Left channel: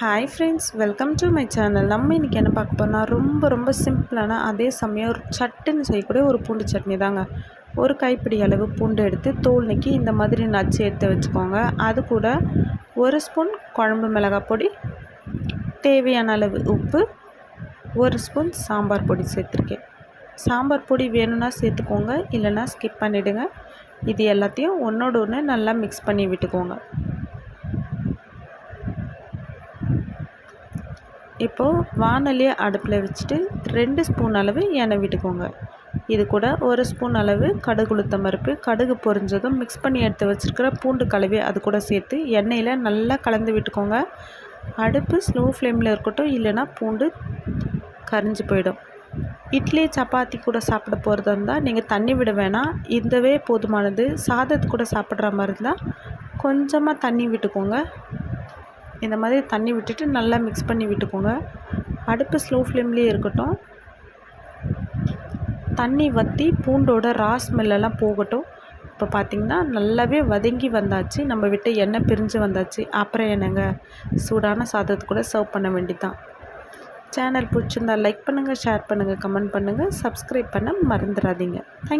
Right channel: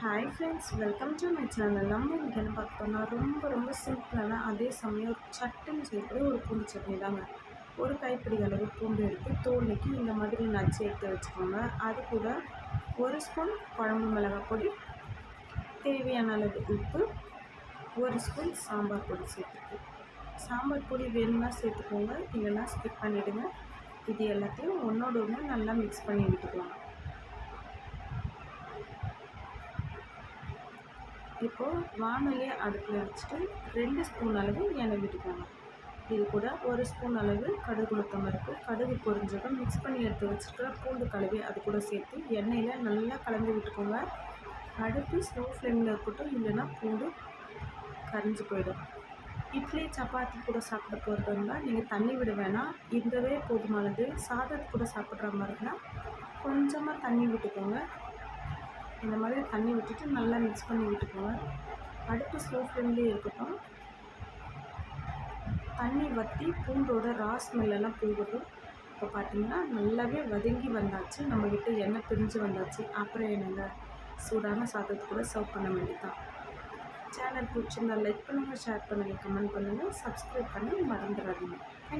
Hi friends welcome to my channel நம்ம இன்றைக்கி என்ன பார்க்க போனால் ரொம்ப ரொம்ப சிம்பிளான அதே சமயம் ஒரு சட்டுன்னு செய்யக்கூடிய ஒரு பூண்டு சட்னி தாங்க. ஒரு கைப்பிடி அளவு பூண்டு எடுத்து தோல் நீக்கி இந்த மாதிரி நச்சு எடுத்து வச்சுக்கோங்க. அது கூட ஒரு ஸ்பூன் குழம்பு மிளகாய் பொடி தேவையான அளவு உப்பு ஒரு ஸ்பூன் சாம்பார் பொடி சேர்த்துருக்கேன். சாம்பார் பொடி வேணும்னா சேர்த்துக்கோங்க இல்லைன்னா ஸ்கிப் பண்ணிவிடுங்க இது எல்லாத்தையும் ஒன்றோட ஒன்று நல்லா மிக்ஸ் பண்ணி விட்டுக்கோங்க. இப்போது வானலியை அடுப்பில் வச்சுட்டு ரெண்டு ஸ்பூன் அளவு எண்ணெய் விட்டுக்கோங்க. இது கூட ஒரு ஸ்பூன் அளவு கடுகு உளுத்தம் பருப்பு கடுகு பொரிஞ்சதும் மிக்ஸ் பண்ணி எடுத்து வச்சுருக்கிற பூண்டு கலவி அது கூட சேர்த்து எண்ணெயில் நல்லா கலந்து விட்டுக்கோங்க. அடுப்பு ஸ்லோ ஃப்ளேமில் இருக்கட்டும் இல்லைன்னா பூண்டு கரிஞ்சு போயிடும். இட்லி சப்பாத்தி கூட சாப்பிட போகிறதா இருந்தால் நீங்கள் தண்ணி விட வேணாம். இந்தவே போதுமானது. சாதத்து கூட சாப்பிட்ற மாதிரி இருந்தால் கொஞ்சமாக தண்ணி விட்டுக்கோங்க. இந்த மாதிரி தண்ணி விட்டுட்டு நல்லா மிக்ஸ் பண்ணி விட்டுக்கோங்க. அடுப்பு ஸ்லோ ஃப்ளேம்லேயே இருக்கட்டும். தண்ணி வற்றி பூண்டோட ரா ஸ்மெல்லெல்லாம் போகட்டும். இப்போ பார்த்திங்கன்னா நல்லாவே வதங்கி வந்தாச்சு. நம்ம விட்டு எண்ணெய் பிரிஞ்சு வந்தாச்சு. அப்புறம் என்னங்க? சூடான சாதத்து கூட சர்வ் பண்ண வேண்டிதான். சேனல் பிடிச்சிருந்தா லைக் பண்ணுங்கள் ஷேர் பண்ணுங்கள் கமெண்ட் பண்ணுங்கள் சப்ஸ்கிரைப் பண்ண மறந்துடாதீங்க. தேங்க்